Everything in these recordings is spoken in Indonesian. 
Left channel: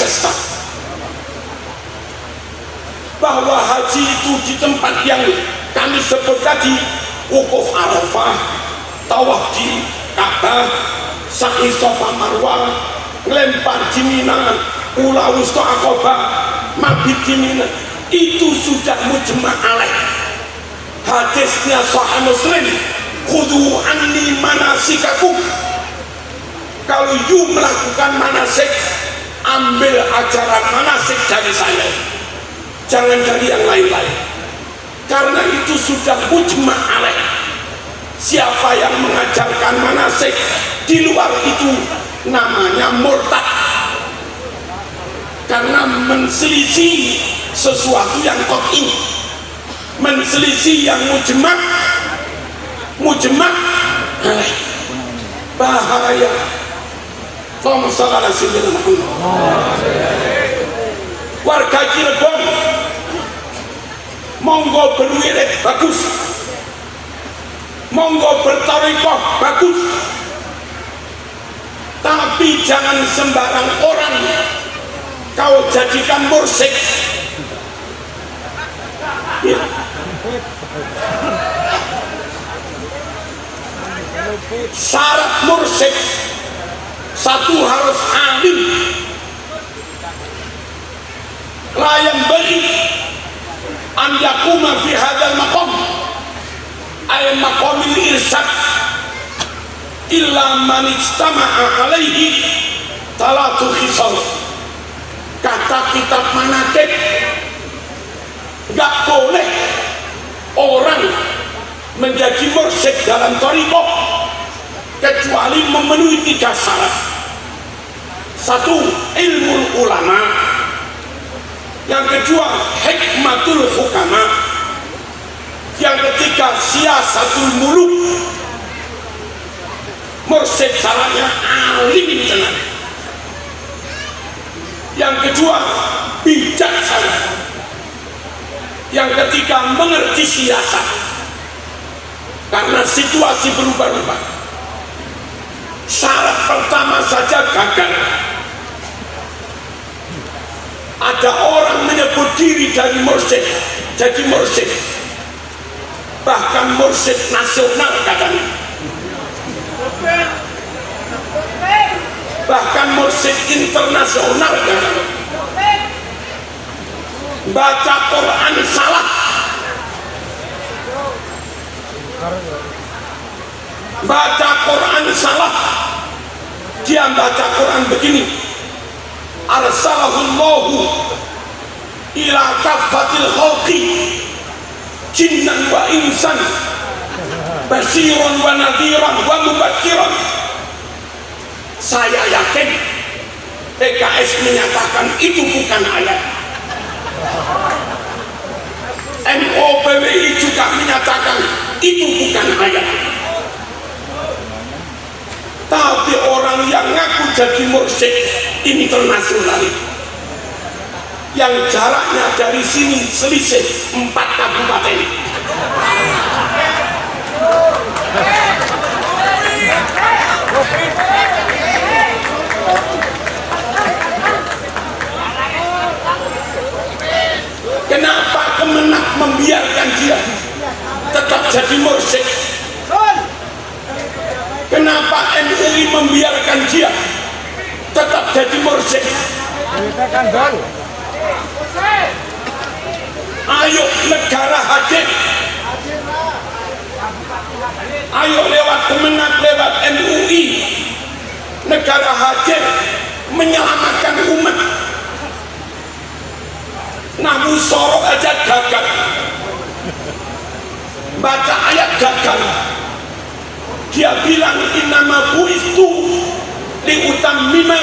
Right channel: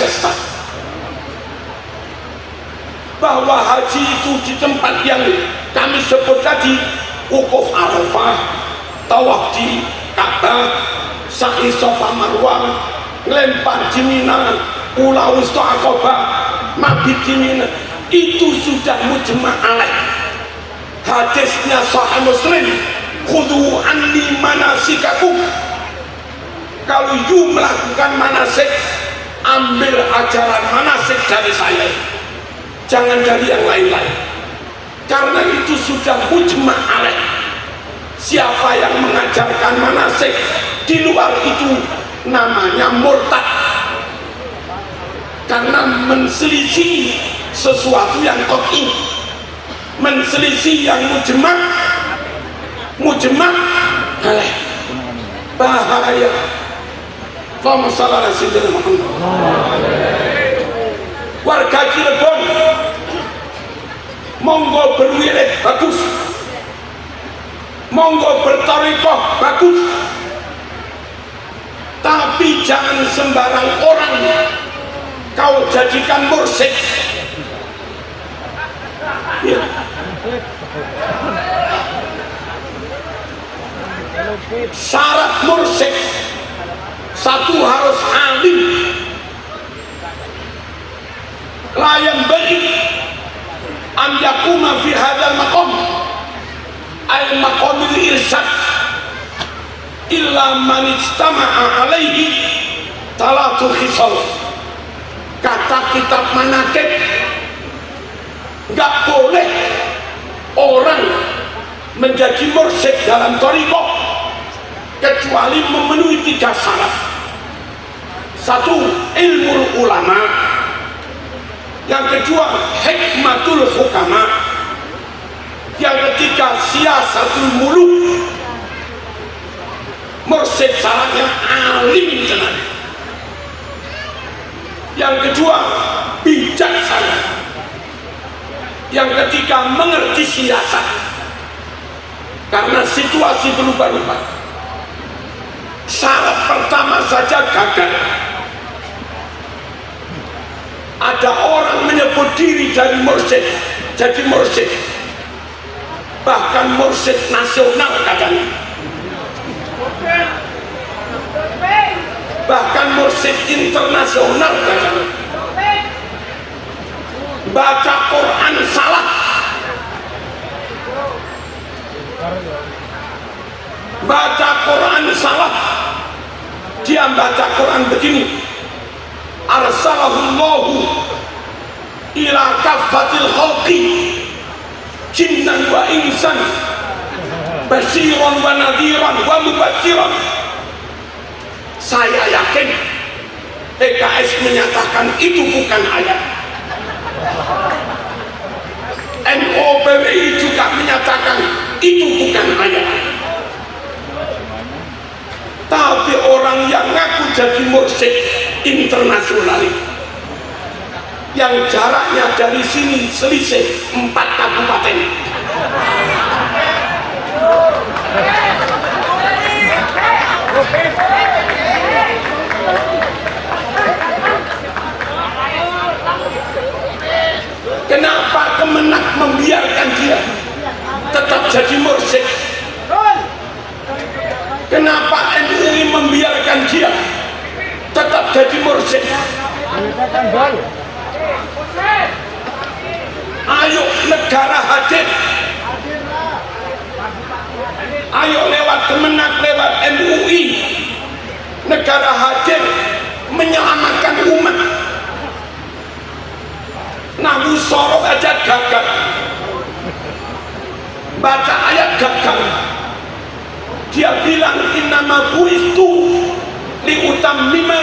sesat, bahwa haji itu di tempat yang kami sebut tadi, wukuf Arafah, tawaf di Ka'bah, sa'i Safa Marwah, lempar di Mina, ula wusta Aqabah, mabit di Mina, itu sudah mujma' alaih. Hadisnya Sahih Muslim, khudhu anni manasikakum, kalau you melakukan manasik, ambil ajaran manasik dari saya, jangan dari yang lain-lain, karena itu sudah mujma' alaih. Siapa yang mengajarkan manasik di luar itu namanya murtad, karena menselisih sesuatu yang qat'i, menselisih yang mujma' bahaya. Warga Cirebon monggo berwirid bagus, monggo bertarekat bagus, tapi jangan sembarang orang kau jadikan mursyid. Ya. Syarat mursyid satu, harus alim, layan bagi an yakuna fi hadzal maqam ay maqamil irsyad illa man ijtama'a alaihi talatu khisal. Kata kitab manakib, nggak boleh orang menjadi mursyid dalam thariqah kecuali memenuhi 3 syarat. Satu, ilmu ulama. Yang kedua, hikmatul hukama. Yang ketiga, siasatul muluk. Mursyid syaratnya alim tenang. Yang kedua, bijaksana. Yang ketiga, mengerti siasat, karena situasi berubah-ubah. Syarat pertama saja gagal. Ada orang menyebut diri dari mursyid, jadi mursyid, bahkan mursyid nasional katanya, bahkan mursyid internasional katanya. Baca Quran salah, baca Quran salah. Dia baca Quran begini, arsalahullahu ila kaffatil khalqi jinnan wa insan basyiran wa nadhiran wa mubatsyiran. Saya yakin PKS menyatakan itu bukan ayat. MOPWI juga menyatakan itu bukan ayat. Tapi orang yang ngaku jadi mursyid internasional, yang jaraknya dari sini selisih 4 kabupaten, kenapa Kemenak membiarkan dia tetap jadi mursyid? Kenapa MUI membiarkan dia tetap jadi mursyid? Ayo negara hadir, ayo lewat Kemenak, lewat MUI, negara hadir menyelamatkan umat. Nabi sorot aja gagal, baca ayat gagal. Dia bilang innama buistu liutammima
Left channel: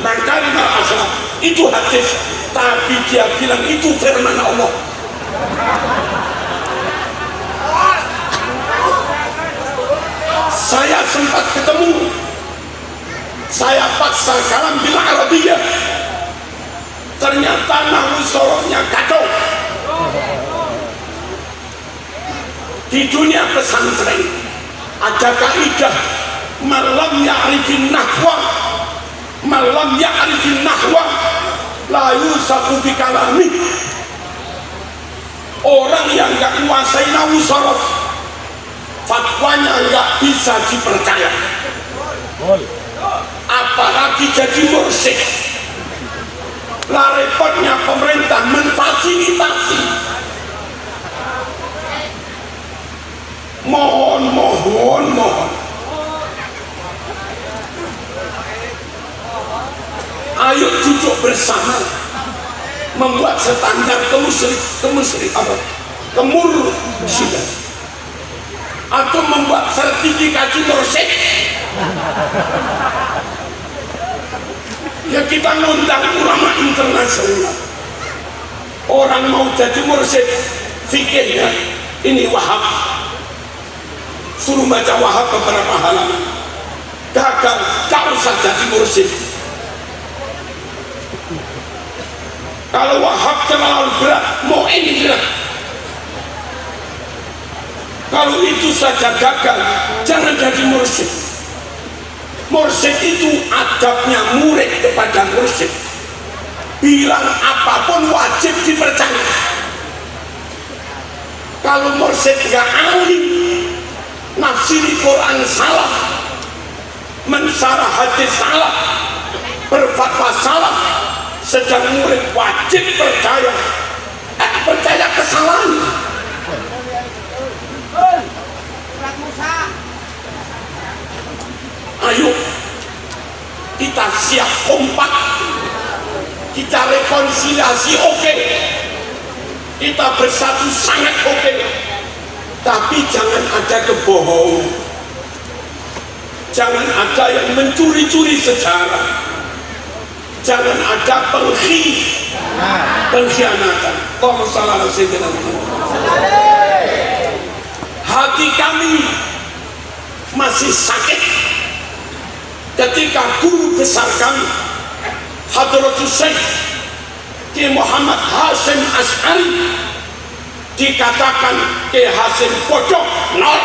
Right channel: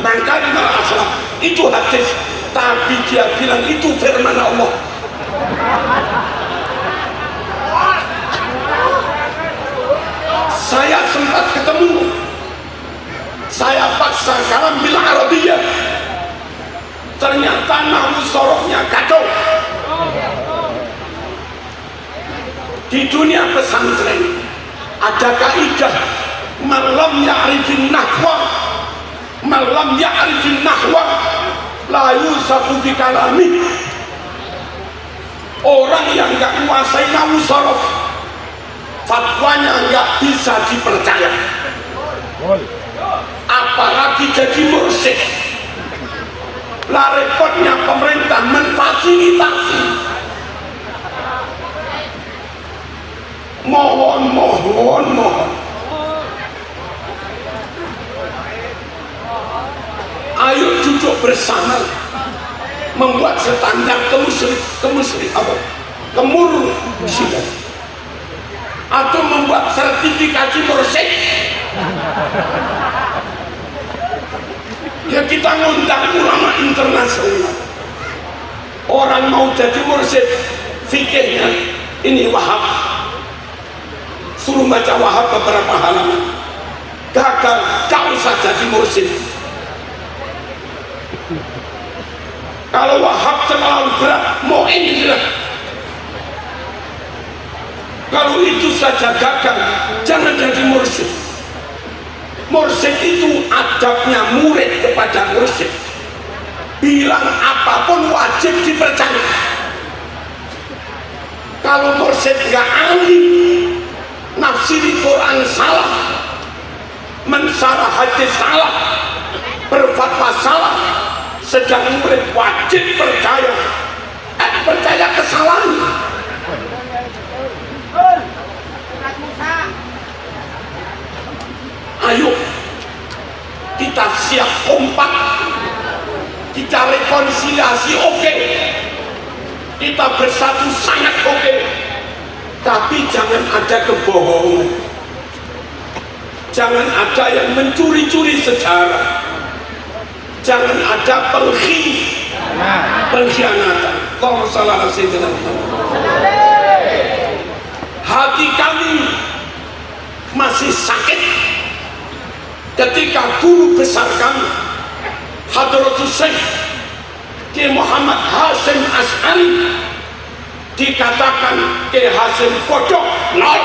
makarimal akhlak. Itu hadis, tapi dia bilang itu firman Allah. Saya sempat ketemu, saya paksa kalam bil Arabiyah, ternyata nahwu sorotnya kacau. Di dunia pesantren ada kaidah malam ya'rifin nahwa, malam ya'rifin nahwa layu sabu bikalami. Orang yang nggak menguasai nahu sorof, fatwanya nggak bisa dipercaya. Apalagi jadi mursyid. Lah repotnya pemerintah memfasilitasi. Mohon. Ayo duduk bersama, membuat standar kemursyid, atau membuat sertifikasi mursyid. Ya kita ngundang ulama internasional. Orang mau jadi mursyid, fikihnya ini Wahab, suruh baca Wahab beberapa halaman, gagal, gak usah jadi mursyid. Kalau Wahab terlalu berat, mau ini berat. Kalau itu saja gagal, jangan jadi mursyid. Mursyid itu adabnya murid kepada mursyid. Bilang apapun wajib dipercaya. Kalau mursyid gak alim, nafsiri Quran salah, mensarah hadis salah, berfatwa salah, sedang murid wajib percaya. Percaya kesalahan. Ayo kita siap kompak, kita rekonsiliasi, oke. Kita bersatu sangat oke. Tapi jangan ada kebohongan, jangan ada yang mencuri-curi sejarah, jangan ada pengkhianatan. Hati kami masih sakit ketika guru besar kami Hadratus Syekh Ki Muhammad Hasyim Asy'ari dikatakan Ki Hasyim pojok nol,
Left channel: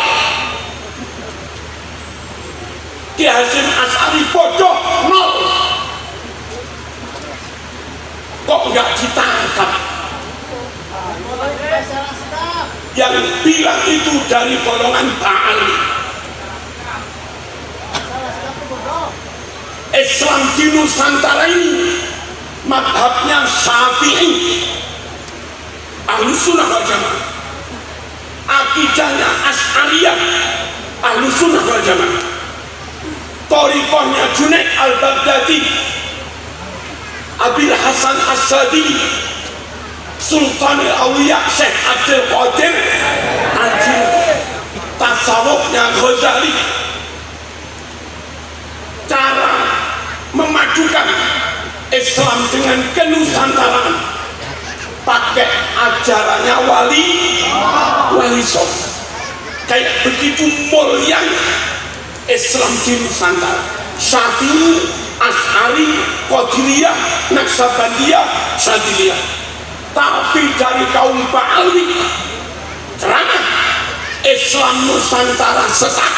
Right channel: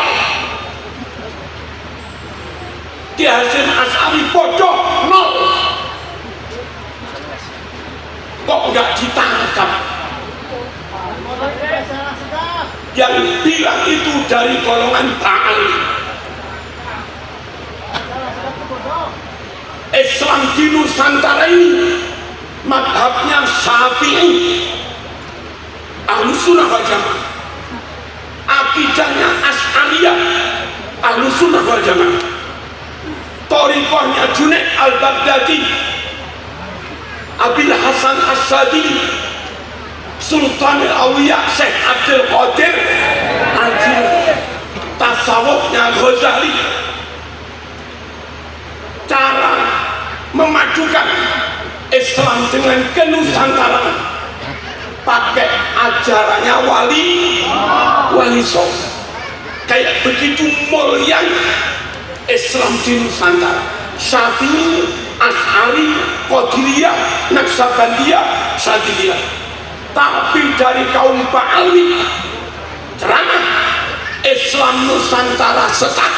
Ki Hasyim Asy'ari pojok nol. Kok nggak ditangkap? Yang bilang itu dari golongan Ba'ali. Islam di Nusantara ini madhabnya Syafi'i, Ahlussunnah wal Jamaah. Akidahnya Asy'ariyah, Ahlussunnah wal Jamaah. Thariqahnya Junaid al-Baghdadi, Abil Hasan As-Sadili, Sultan al-Awliya Syekh Abdul Qadir Al-Jilani, tasawufnya Ghazali. Cara memadukan Islam dengan kenusantaraan pakai ajarannya wali songo. Kayak begitu mulia Islam di Nusantara. Syafi'i, Asy'ari, Qadiriyah, Naqsabandiyah, Syadziliyah. Tapi dari kaum Ba'ali ceramah Islam Nusantara sesat,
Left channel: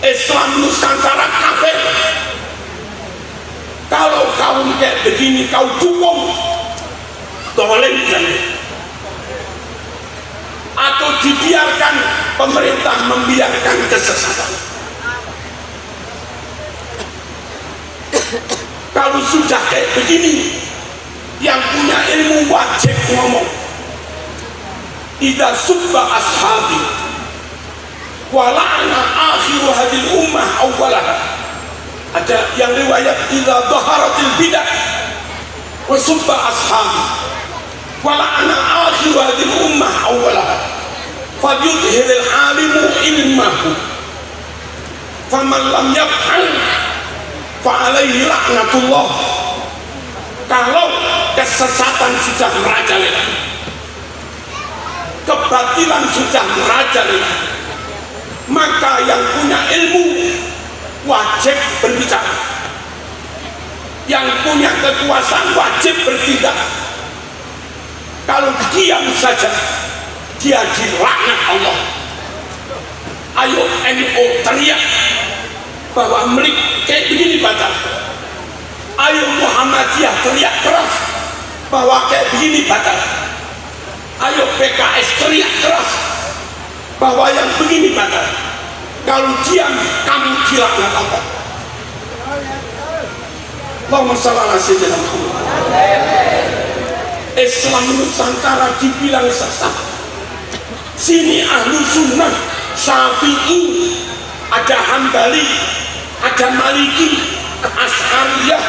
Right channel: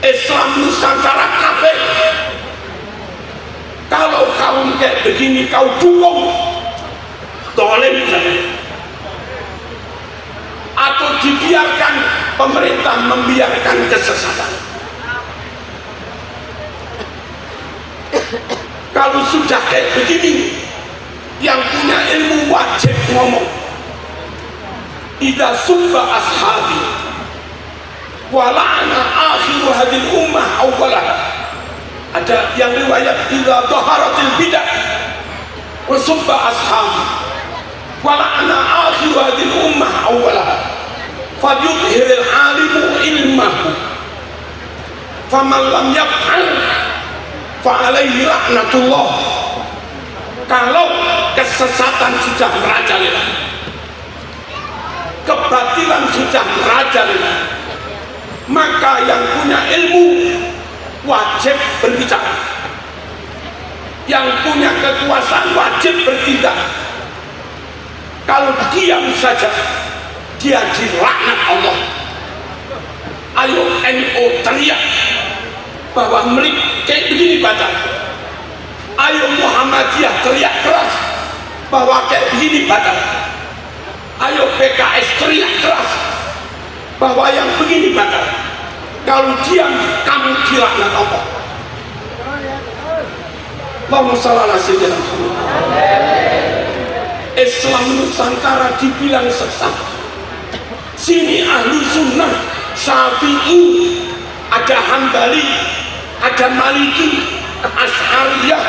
Islam Nusantara kafir. Kalau kaum kayak begini kau dukung, dolim atau dibiarkan, pemerintah membiarkan kesesatan. Kalau sudah kayak begini, yang punya ilmu wajib ngomong. Idza subba ashabi wa la'ana akhiru hadhihi ummah awwalaha. Ada yang riwayat idza dhaharatil bidah wa subba ashabi wa la'ana akhiru hadhihi ummah awwalaha falyudhhiril alimu ilmahu faman lam yaf'al fa'alaihi laknatullah. Kalau kesesatan sudah merajalela, kebatilan sudah merajalela, maka yang punya ilmu wajib berbicara, yang punya kekuasaan wajib bertindak. Kalau diam saja, dia dilaknat Allah. Ayo NU teriak bahwa kayak begini baca, Ayo Muhammadiyah teriak keras bahwa kayak begini batal. Ayo PKS teriak keras bahwa yang begini batal. Kalau diam, kamu dilaknat Allah. Allahumma shalli ala sayyidina Muhammad. Islam Nusantara dibilang sesat. Sini ahlu sunnah, Syafi'i, ada Hambali, ada Maliki, Asy'ariyah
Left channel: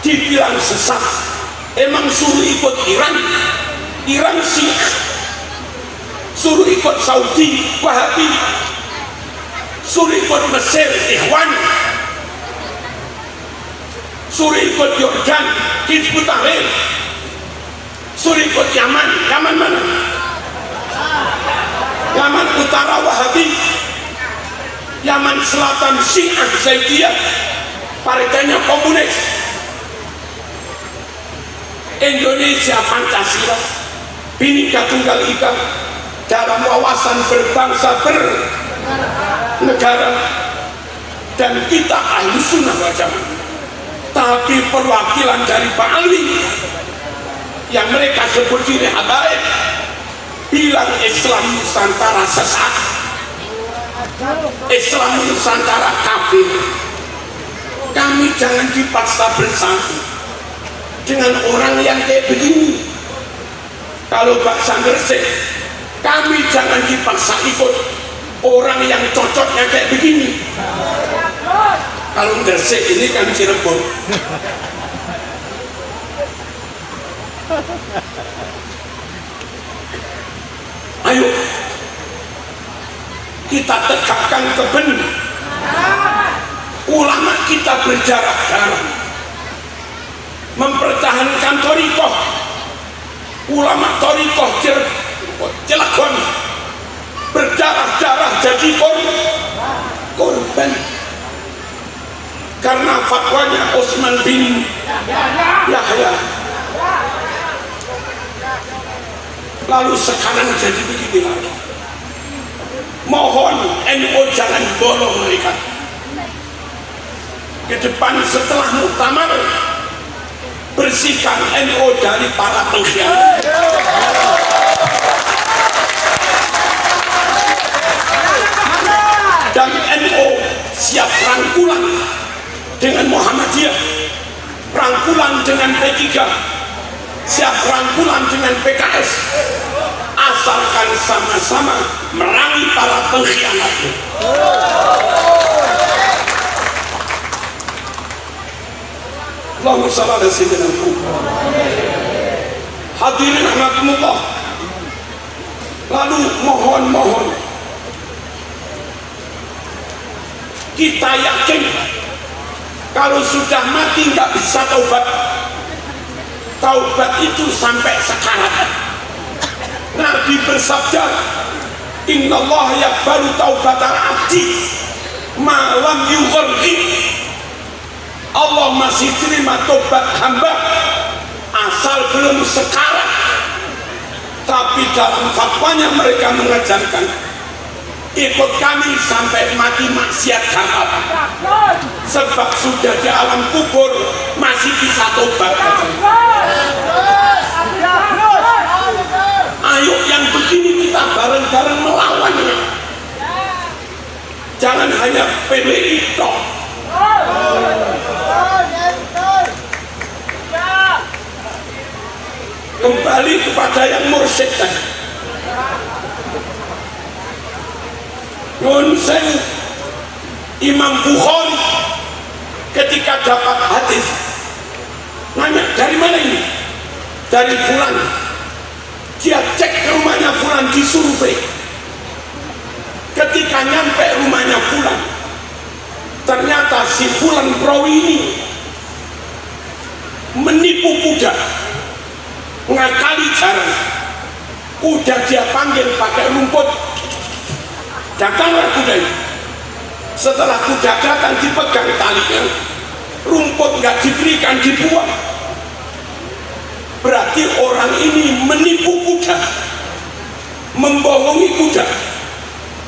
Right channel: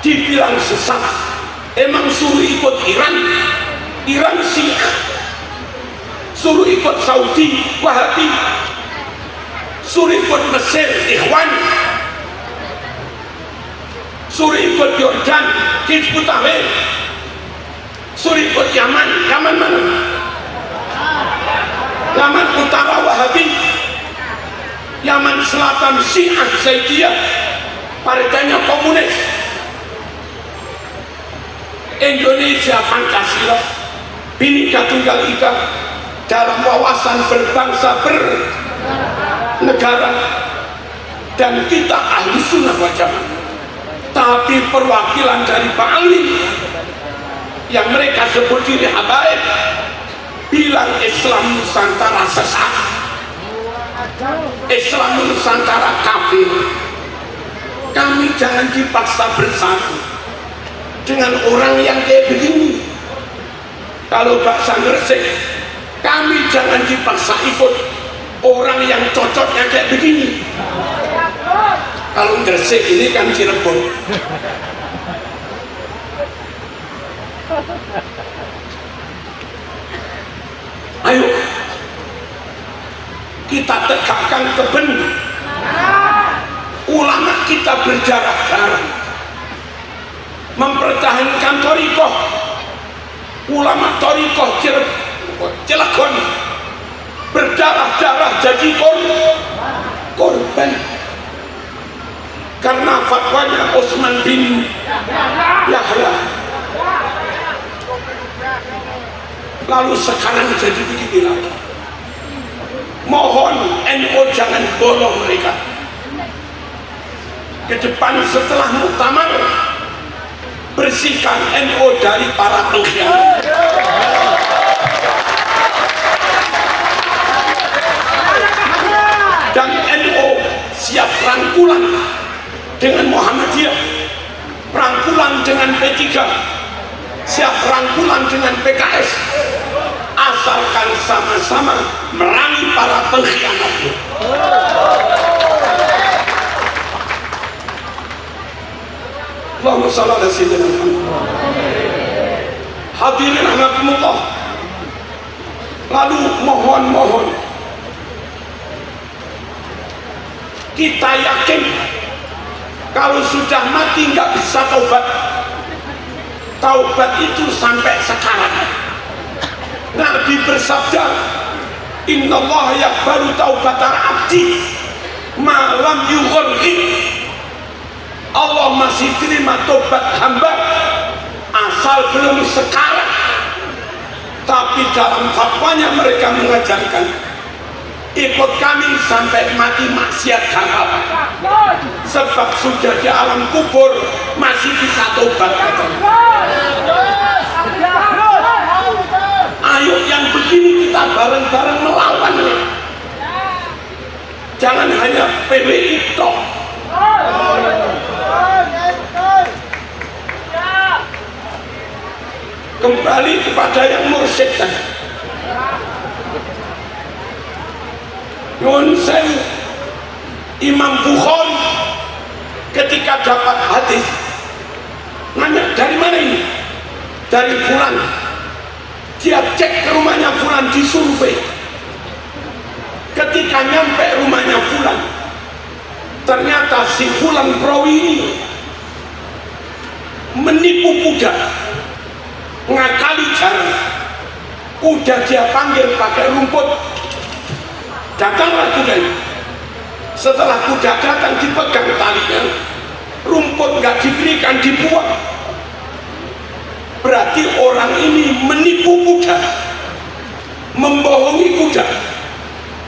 dibilang sesat. Emang suruh ikut Iran, Iran Syiah, suruh ikut Saudi, Wahabi, suruh ikut Mesir, Ikhwan, suruh ikut Yordan, Hizbut Tahrir, suruh ikut Yaman, Yaman mana? Yaman Utara Wahabi, Yaman Selatan Syiah Zaidiyah, partainya komunis. Indonesia Pancasila, Bhinneka Tunggal Ika, dalam wawasan berbangsa bernegara, dan kita ahli sunnah wal jamaah. Tapi perwakilan dari Pak Ali yang mereka sebut diri habaib bilang Islam Nusantara sesat, Islam Nusantara kafir. Kami jangan dipaksa bersatu dengan orang yang kayak begini. Kalau bahasa Gresik, kami jangan dipaksa ikut orang yang cocoknya kayak begini. Kalau Gresik ini kan Cirebon. Ayo kita tegakkan kebenaran. Ulama kita berjarak-jarak mempertahankan thariqah. Ulama thariqah Cilegon berdarah-darah jadi korban karena fatwanya Utsman bin Yahya. Lalu sekarang jadi begini lagi. Mohon NU jangan bolong mereka ke depan setelah muktamar. Bersihkan NU dari para pengkhianat. Dan NU siap rangkulan dengan Muhammadiyah, rangkulan dengan P3, siap rangkulan dengan PKS, asalkan sama-sama merangi para pengkhianat. Allahumma shalli ala sayyidina Muhammad. Hadirin rahimakumullah. Lalu mohon kita yakin kalau sudah mati nggak bisa taubat. Taubat itu sampai sekarang. Nabi bersabda, innallaha yaqbalu taubatal abdi malam yughargir. Allah masih terima tobat hamba asal belum sekarang. Tapi dalam fatwanya mereka mengajarkan ikut kami sampai mati maksiat halal, sebab sudah di alam kubur masih bisa tobat. Ayo yang begini kita bareng-bareng melawan. Jangan hanya PDI toh. Kembali kepada yang mursyid tadi. Nunsel Imam Bukhari ketika dapat hadis nanya dari mana ini? Dari Fulan. Dia cek ke rumahnya Fulan, disurvei. Ketika nyampe rumahnya Fulan, ternyata si Fulan perawi ini menipu kuda, ngakali jalan. Kuda dia panggil pakai rumput, datanglah kuda itu. Setelah kuda datang dipegang talinya, rumput nggak diberikan, dibuang. Berarti orang ini menipu kuda, membohongi kuda.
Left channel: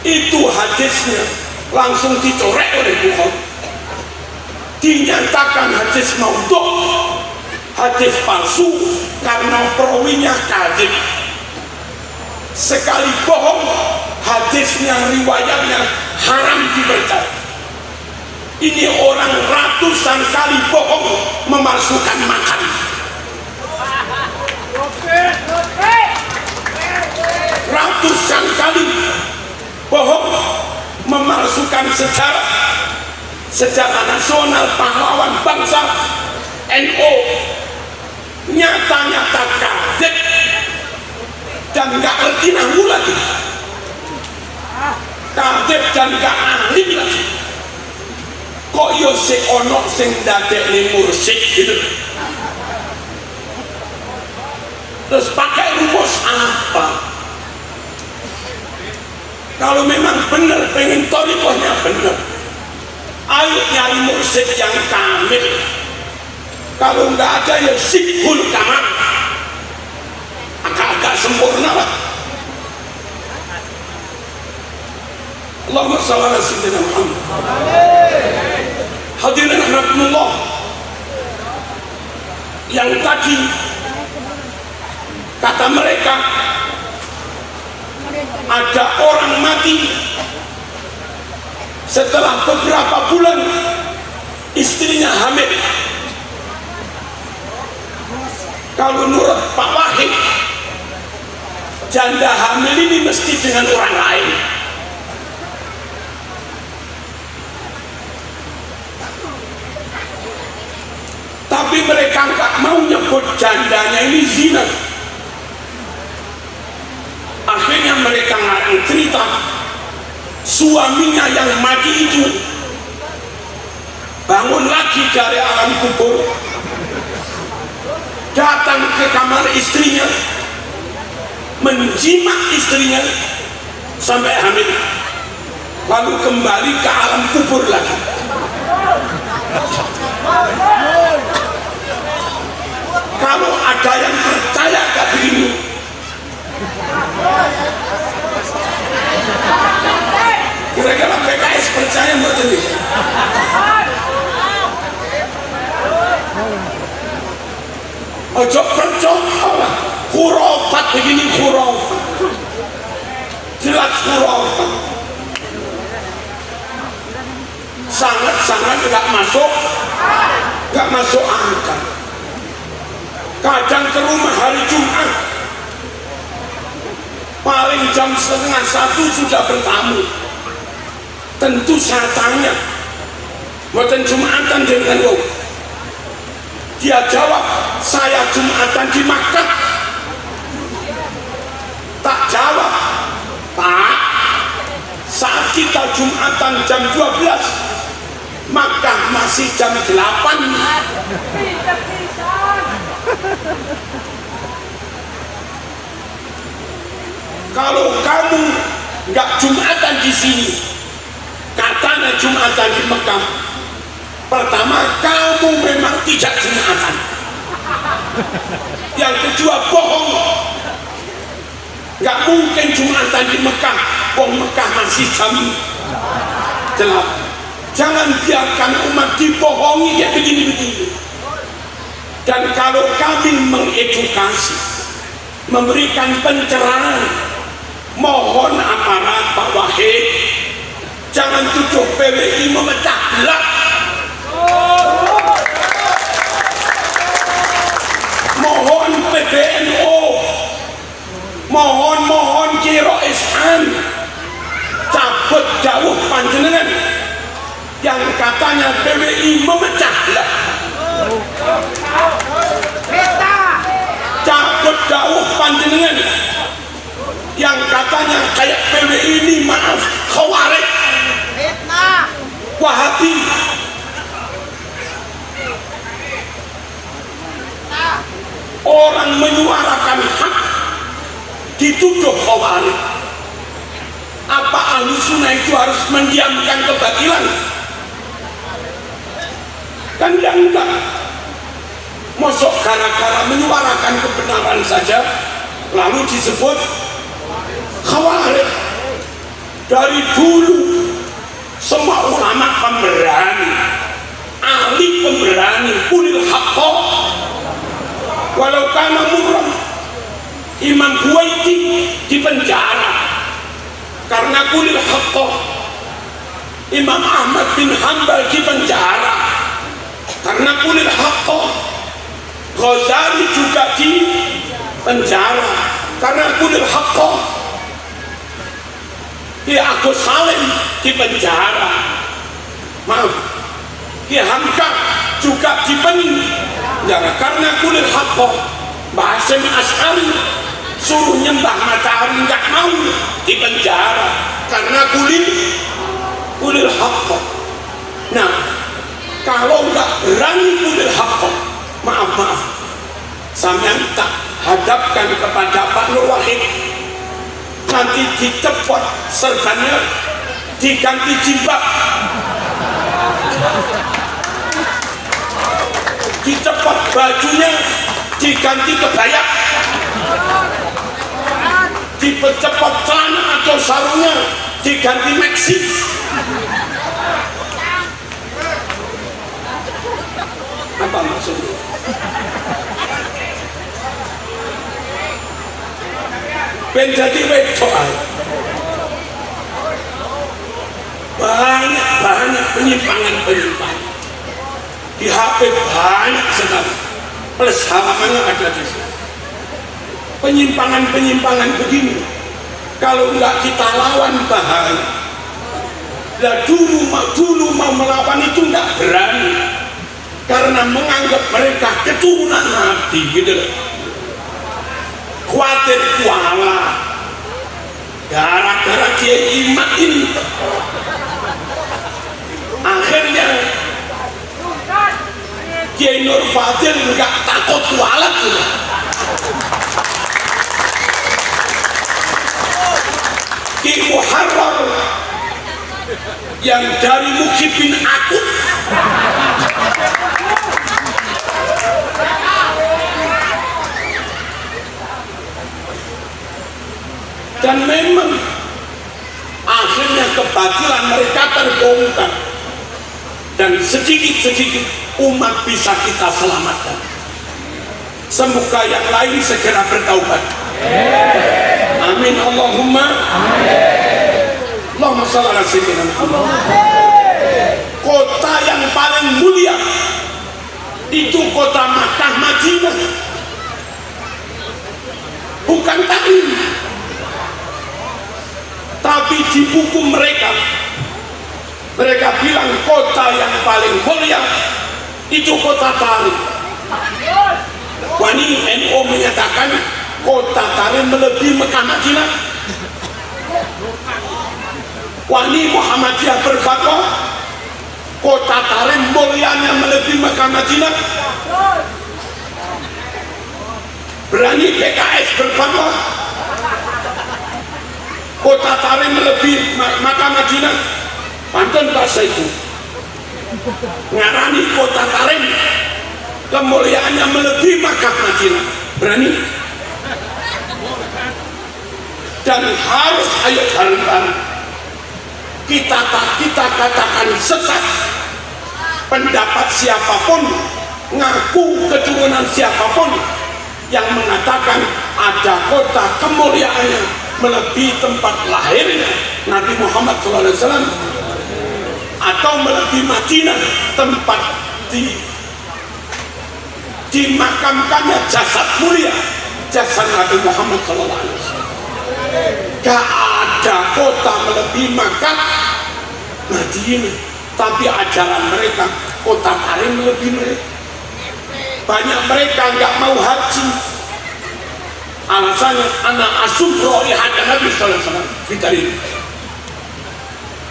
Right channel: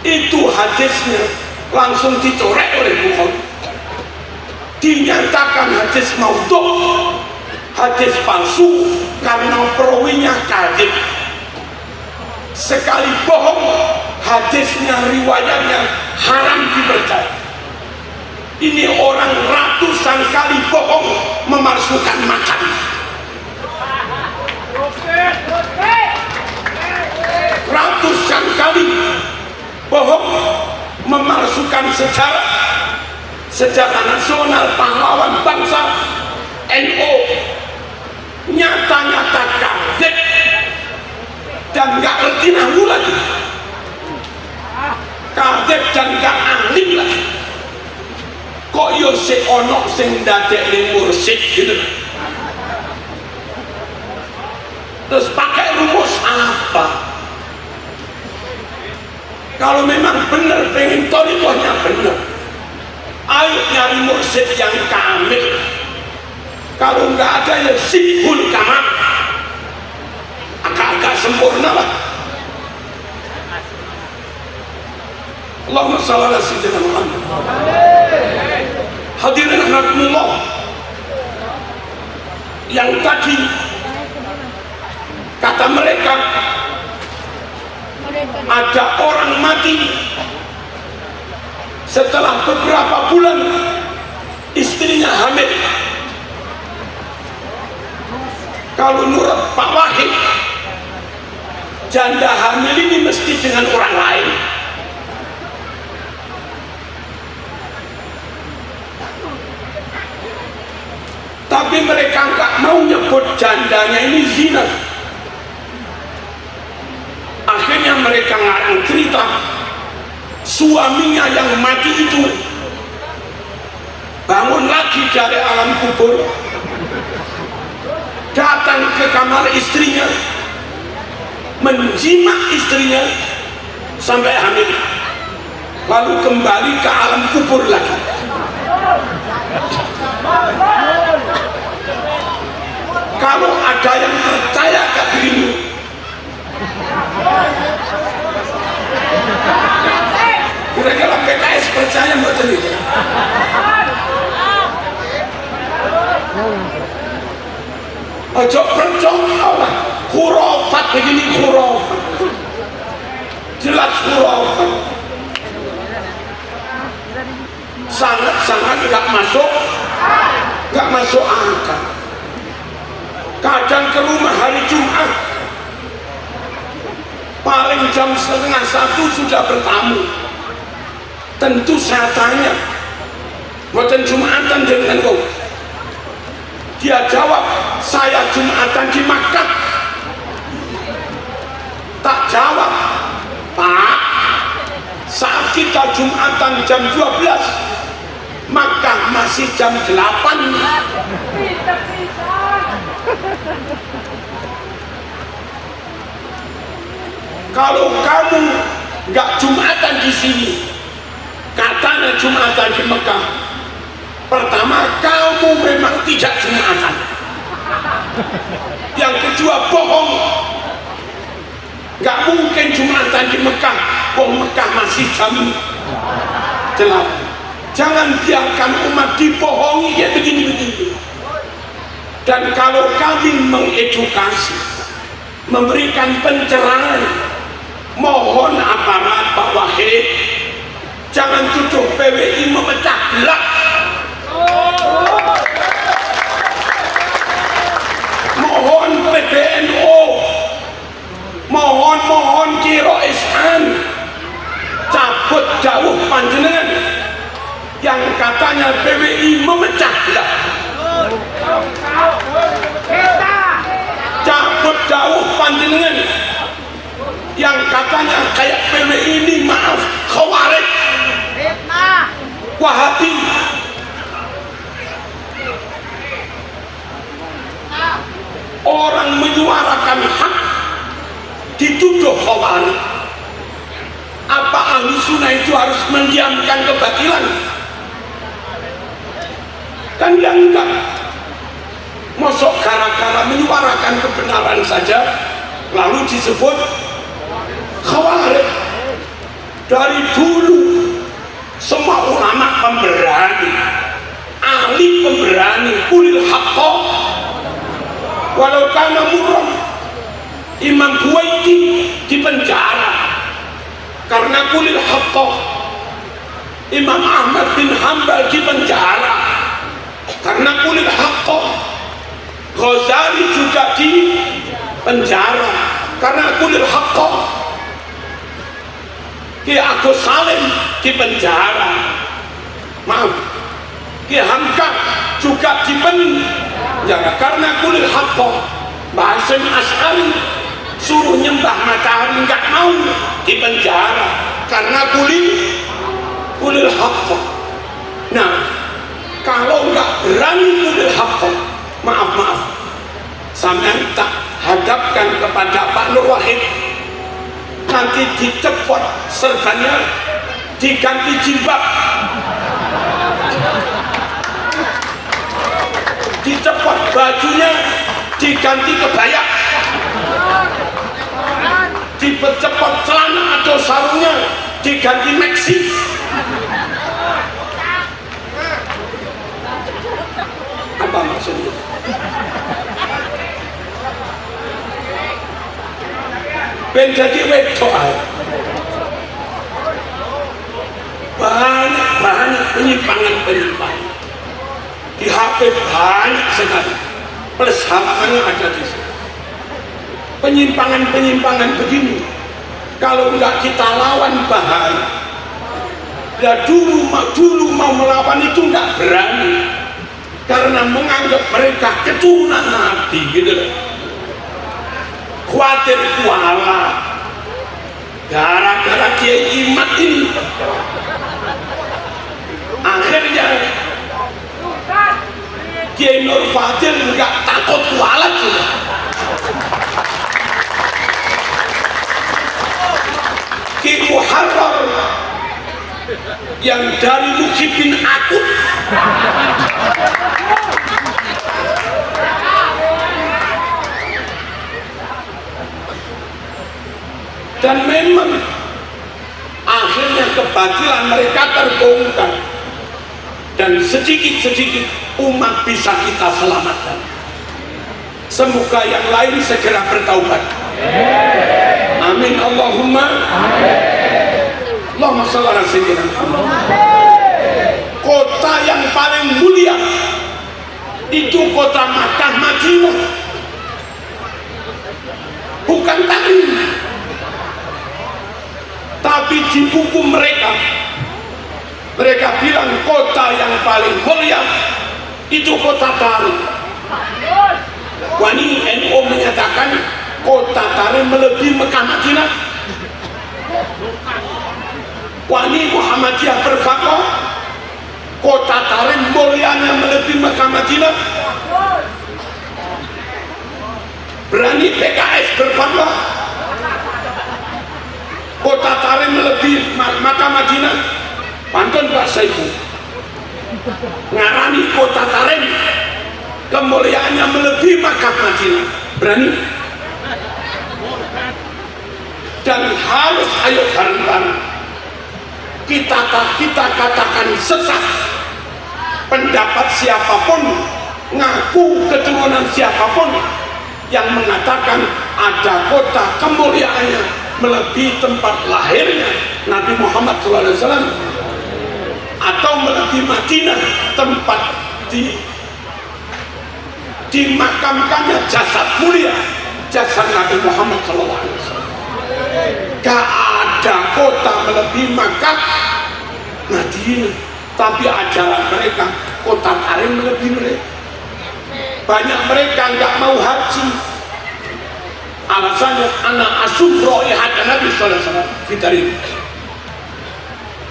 Itu hadisnya langsung dicorek oleh Bukhari. dinyatakan hadis maudhu, hadis palsu karena perawinya kadzib. Sekali bohong, hadisnya, riwayatnya haram dipercaya. Ini orang ratusan kali bohong memalsukan makan. Ratusan kali bohong memalsukan sejarah nasional, pahlawan bangsa, NU, nyata-nyata kadzib dan gak ngerti nahwu lagi, kadzib dan gak ahli lagi. Kok yo si ono sing dadekne mursyid gitu. Terus pakai rumus apa? Kalau memang benar pengen thariqahnya benar, ayo nyari mursyid yang kamil. Kalau nggak ada ya sibul kamal, agak sempurna lah. Allahumma shalli ala sayyidina Muhammad. Hadirin rahimakumullah, yang tadi kata mereka ada orang mati setelah beberapa bulan istrinya hamil. Kalau menurut Pak Wahid, janda hamil ini mesti dengan orang lain. Tapi mereka nggak mau nyebut jandanya ini zina. Akhirnya mereka ngarang cerita suaminya yang mati itu bangun lagi dari alam kubur, datang ke kamar istrinya, menjimak istrinya sampai hamil, lalu kembali ke alam kubur lagi. Kalau ada yang percaya gak begini, kira-kira PKS percaya betul ini? Ojo percaya, khurafat begini, khurafat jelas khurafat, sangat-sangat gak masuk akal. Kadang ke rumah hari Jumat paling jam 12:30 sudah bertamu. Tentu saya tanya, bukan Jumatan dengan lo? Dia jawab, saya Jumatan di Makkah. Tak jawab, Pak, saat kita Jumatan jam 12, Makkah masih jam 8. Kalau kamu nggak Jumatan di sini, katanya Jumatan di Mekah, pertama kamu memang tidak Jumatan. Yang kedua bohong, nggak mungkin Jumatan di Mekah. Mekah masih jam 8. Jangan biarkan umat dibohongi ya begini-begini. Dan kalau kami mengedukasi, memberikan pencerahan, mohon aparat Pak Wahid jangan tuduh PWI memecah belah. Mohon PBNU, mohon Kiro Islam cabut jauh panjenengan yang katanya PWI memecah belah. Cabut jauh panjenengan yang katanya kayak PWI ini, maaf, Khawarij, Wahabi. Orang menyuarakan hak dituduh Khawarij. Apa ahli sunnah itu harus mendiamkan kebatilan? Kan yang enggak. Mosok gara-gara menyuarakan kebenaran saja lalu disebut Khawarij. Dari dulu semua ulama pemberani, ahli nabi pemberani, kulil haqqa walau kana murran. Imam Buwaiti di penjara karena kulil haqqa. Imam Ahmad bin Hanbal di penjara karena kulil haqqa. Ghazali juga di penjara karena kulil haqqa. Ki Agus Salim di penjara, maaf, Ki Hamka juga di penjara karena kulil haqqa. Mbah Hasyim Asy'ari suruh nyembah matahari nggak mau, di penjara karena kulil haqqa. Nah, kalau nggak berani kulil haqqa, maaf, sampean tak hadapkan kepada Pak Nur Wahid, nanti dicepot serbannya, diganti jilbab, dicepot bajunya, diganti kebaya, dicepot celana atau sarungnya, diganti maxi. Apa maksudnya? Ben jadi wedok, banyak penyimpangan di HP, banyak sekali, plus HP-nya ada di sini. Penyimpangan begini, kalau nggak kita lawan bahaya. Nah, dulu mau melawan itu nggak berani karena menganggap mereka keturunan Nabi, gitu. Khawatir kuala gara-gara Kiai Imat ini, akhirnya Kiai Nur Fadil nggak takut kualat juga. Ki Muharrar yang dari Muhyiddin Akut dan memang akhirnya kebatilan mereka terbongkar dan sedikit-sedikit umat bisa kita selamatkan. Semoga yang lain segera bertaubat. Amin Allahumma amin. Allahumma shalli ala sayyidina Muhammad. Kota yang paling mulia itu kota Makkah Madinah, bukan Tarim. Tapi di buku mereka bilang kota yang paling mulia itu kota Tarim. Wani NU menyatakan kota Tarim melebihi Mekah Madinah. Wani Muhammadiyah berkata kota Tarim mulianya melebihi Mekah Madinah. Berani PKS berkata kota Tarim melebihi Mekah Madinah. Pantun bahasa itu ngarani kota Tarim kemuliaannya melebihi Mekah Madinah. Berani? Dan harus ayo bareng-bareng kita katakan sesat pendapat siapapun, ngaku keturunan siapapun yang mengatakan ada kota kemuliaannya melebihi tempat lahirnya Nabi Muhammad SAW atau melebihi Madinah, tempat dimakamkannya jasad mulia, jasad Nabi Muhammad SAW. Gak ada kota melebihi Makkah Madinah, tapi ajaran mereka kota Tarim melebihi mereka. Banyak mereka nggak mau haji, alasannya anak asumro oleh hati Nabi SAW.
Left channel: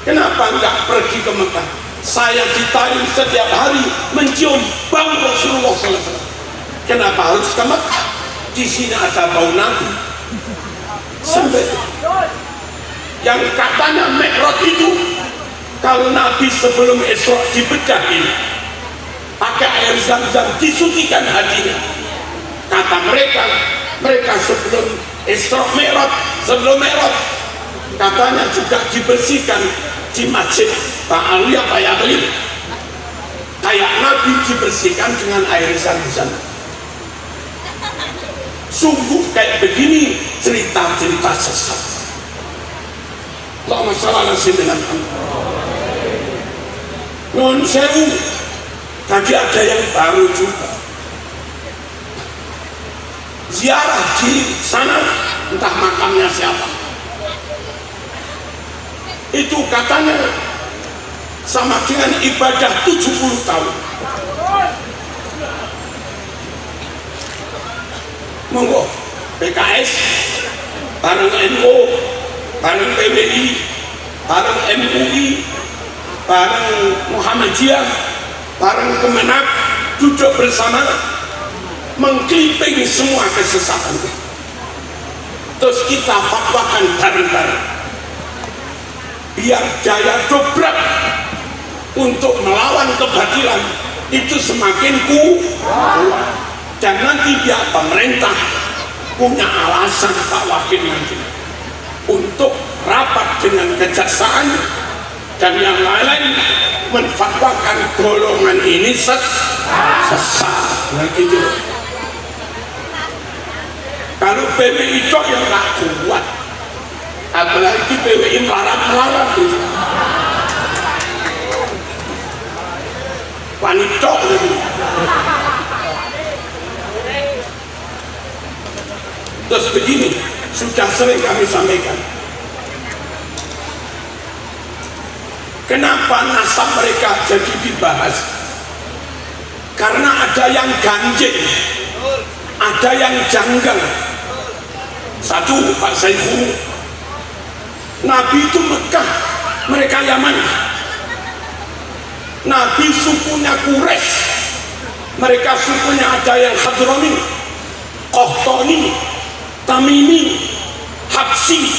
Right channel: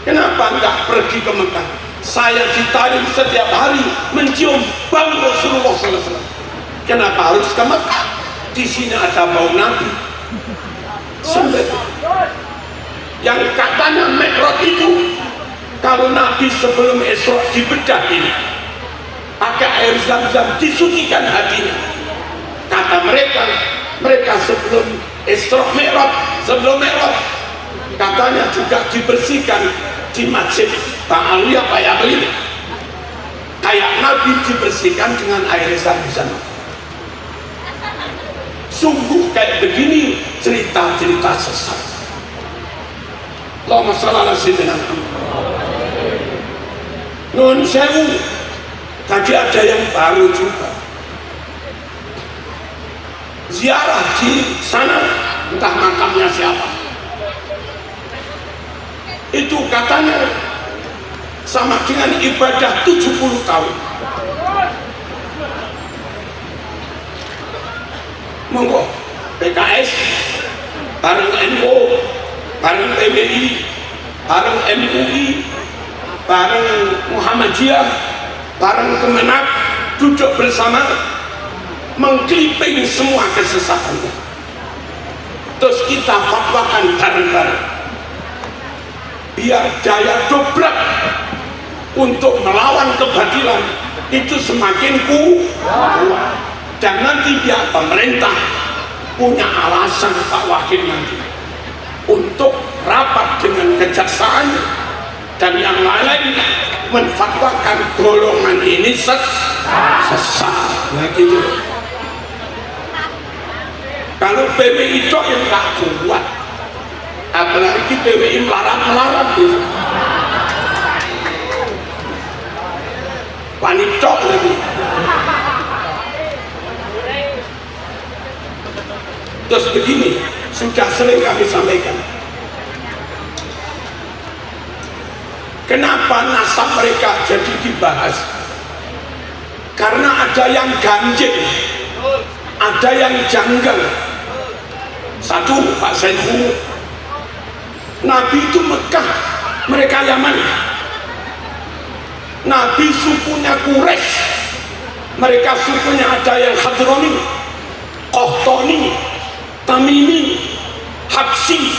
Kenapa nggak pergi ke Mekah? Saya di Tarim setiap hari mencium bau Rasulullah SAW. Kenapa harus ke Mekah? Di sini ada bau Nabi. Sampai yang katanya Mi'raj itu kalau Nabi sebelum Isra dibedahin pakai air zam-zam disucikan hatinya. Kata mereka sebelum Isra Mi'raj, sebelum Mi'raj katanya juga dibersihkan di masjid Pak Aliyah kayak Nabi Nabi dibersihkan dengan air zam-zam. Sungguh kayak begini cerita-cerita sesat. Allahumma shalli ala sayyidina Muhammad. Nun sewu, tadi ada yang baru juga ziarah di sana, entah makamnya siapa. Itu katanya sama dengan ibadah 70 tahun. Monggo PKS bareng NU, bareng PBI, bareng MUI, bareng Muhammadiyah, bareng Kemenak, duduk bersama mengkliping semua kesesatannya. Terus kita fatwakan bareng-bareng biar daya dobrak untuk melawan kebatilan itu semakin kuat. Dan nanti biar pemerintah punya alasan Pak Wakil nanti untuk rapat dengan kejaksaan dan yang lain menfatwakan golongan ini sesat. Nah gitu. Kalau PBI itu yang gak kuat, apalagi PBI melarang-larang itu panicok lagi. Terus begini, sudah sering kami sampaikan, kenapa nasab mereka jadi dibahas? Karena ada yang ganjil, ada yang janggal. Satu, Pak Saiful, Nabi itu Mekah, mereka Yaman. Nabi sukunya Quraisy, mereka sukunya ada yang Hadrami, Qahtani, Tamimi, Habsyi.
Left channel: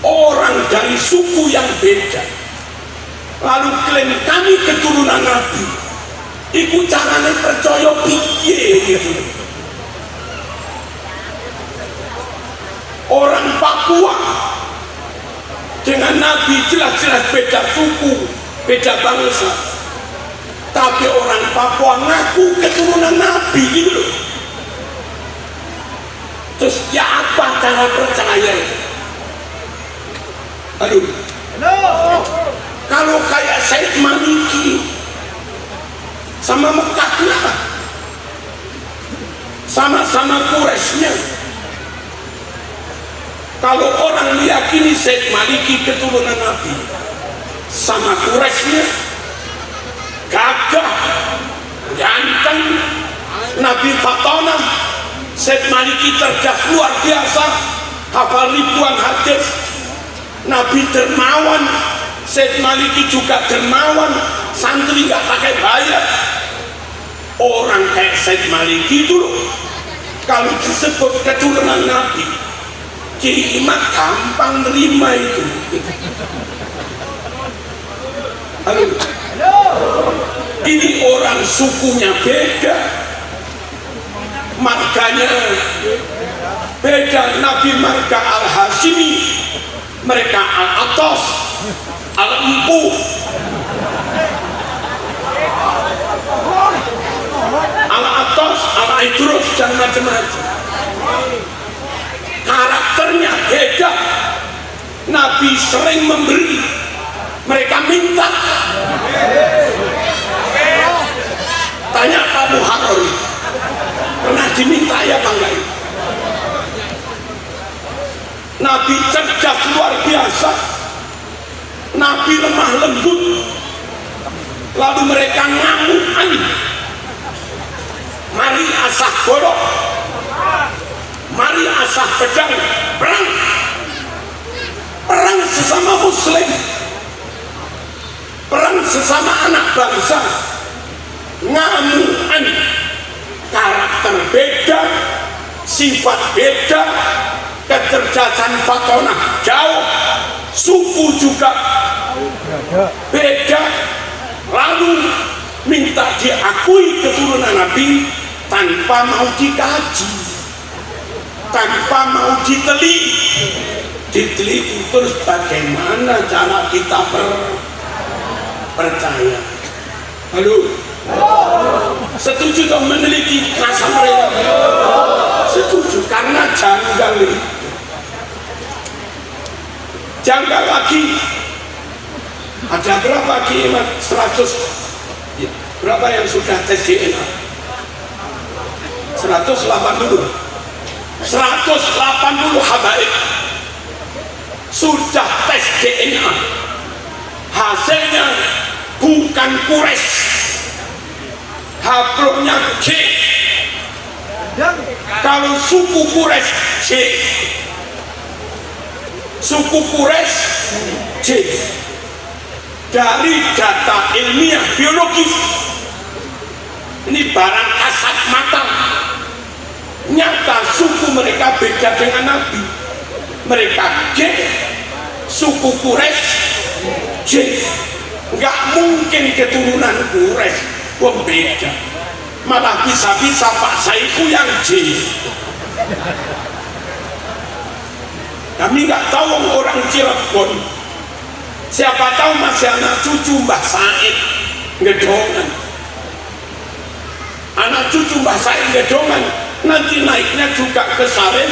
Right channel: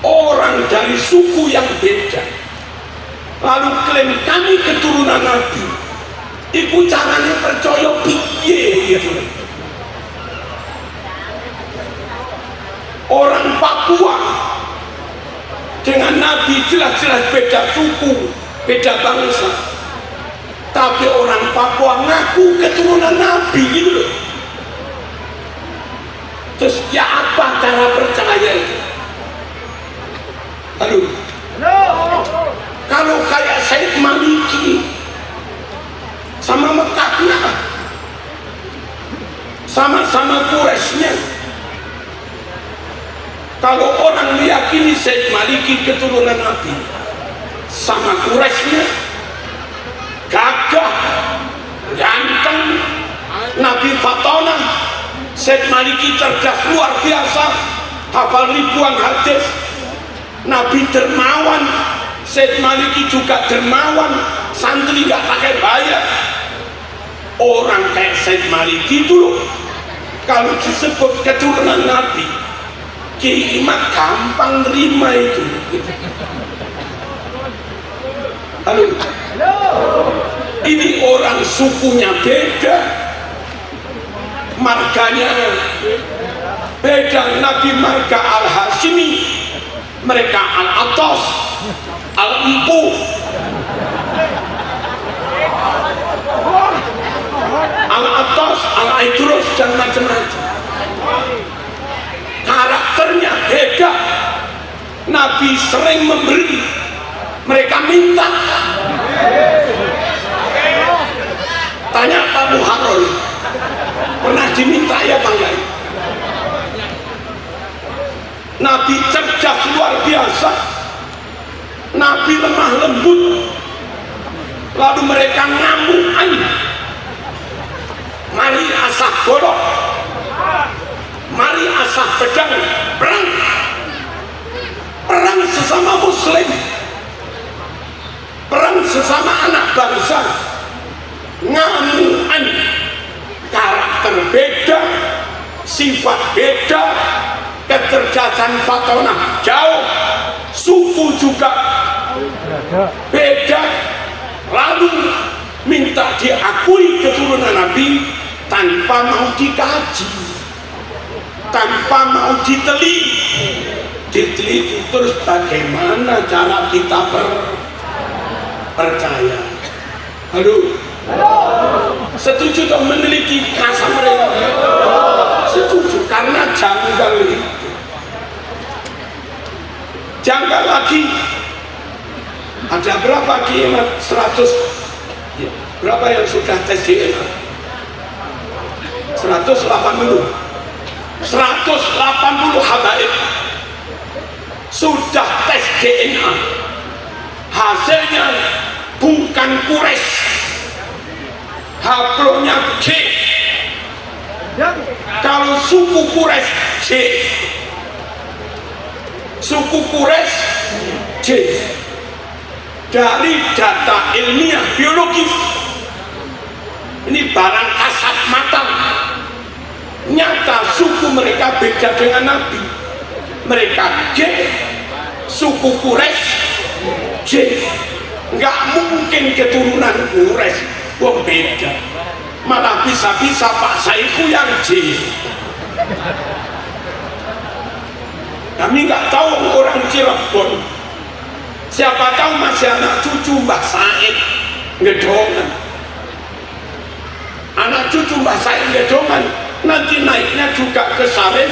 Orang dari suku yang beda lalu klaim kami keturunan Nabi. Iku caranya percaya piye gitu. Orang Papua dengan Nabi jelas-jelas beda suku, beda bangsa, tapi orang Papua ngaku keturunan Nabi gitu loh. Terus ya apa cara percaya itu? Aduh, kalau kayak Said Maliki sama Mekahnya, sama-sama Quraisynya. Kalau orang meyakini Said Maliki keturunan Nabi sama Quraisynya, gagah, ganteng, Nabi Fatona, Said Maliki cerdas luar biasa, hafal ribuan hadis. Nabi dermawan, Said Maliki juga dermawan, santri gak pakai bayar. Orang kayak Said Maliki itu loh, kalau disebut keturunan Nabi, Kiai Imam gampang nerima itu. Halo. Ini orang sukunya beda, marganya beda. Nabi marga Al-Hashimi, mereka Al-Atas, Al-Empu. Al-Atas, Al-Idrus dan macam-macam. Karakternya beda. Nabi sering memberi, mereka minta. Tanya Pak Muhammad, pernah diminta ya Pak? Nabi cerdas luar biasa, Nabi lemah lembut, lalu mereka ngamukan. Mari asah godok, mari asah pedang, perang, perang sesama muslim, perang sesama anak bangsa. Ngamukan, karakter beda, sifat beda, kecerdasan Fatona jauh, suku juga beda, lalu minta diakui keturunan Nabi tanpa mau dikaji, tanpa mau diteliti. Terus bagaimana cara kita percaya? Halo? Setuju dong meneliti rasa mereka? Setuju, karena janggal itu. Janggal lagi. Ada berapa kiamat? 100. Berapa yang sudah tes DNA? 180. 180 habaib sudah tes DNA. Hasilnya bukan Quraisy, haplonya C. Kalau suku Quraisy C, suku Quraisy C. Dari data ilmiah biologis, ini barang kasat mata, nyata suku mereka beda dengan Nabi. Mereka J, suku Quraisy J. Nggak mungkin keturunan Quraisy, wah beda. Malah bisa-bisa Pak Saiku yang J. Kami nggak tahu orang Cirebon, siapa tahu masih anak cucu Mbah Said Gedongan. Anak cucu Mbah Said Gedongan nanti naiknya juga ke Sarif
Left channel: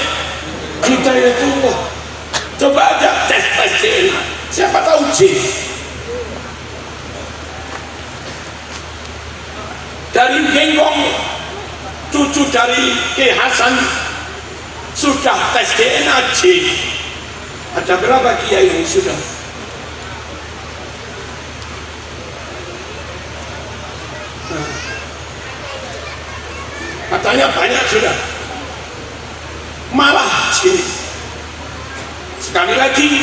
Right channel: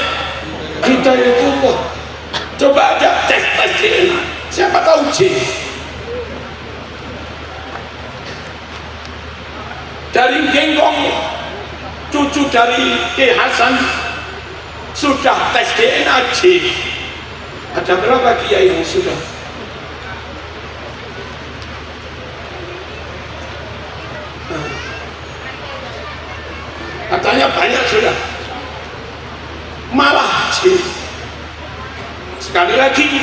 Hidayatullah. Coba ada tes DNA, siapa tahu J. Dari Genggong, cucu dari Ki Hasan sudah tes DNA J. Ada berapa kiai yang sudah? Katanya banyak sudah. Malah J. Sekali lagi,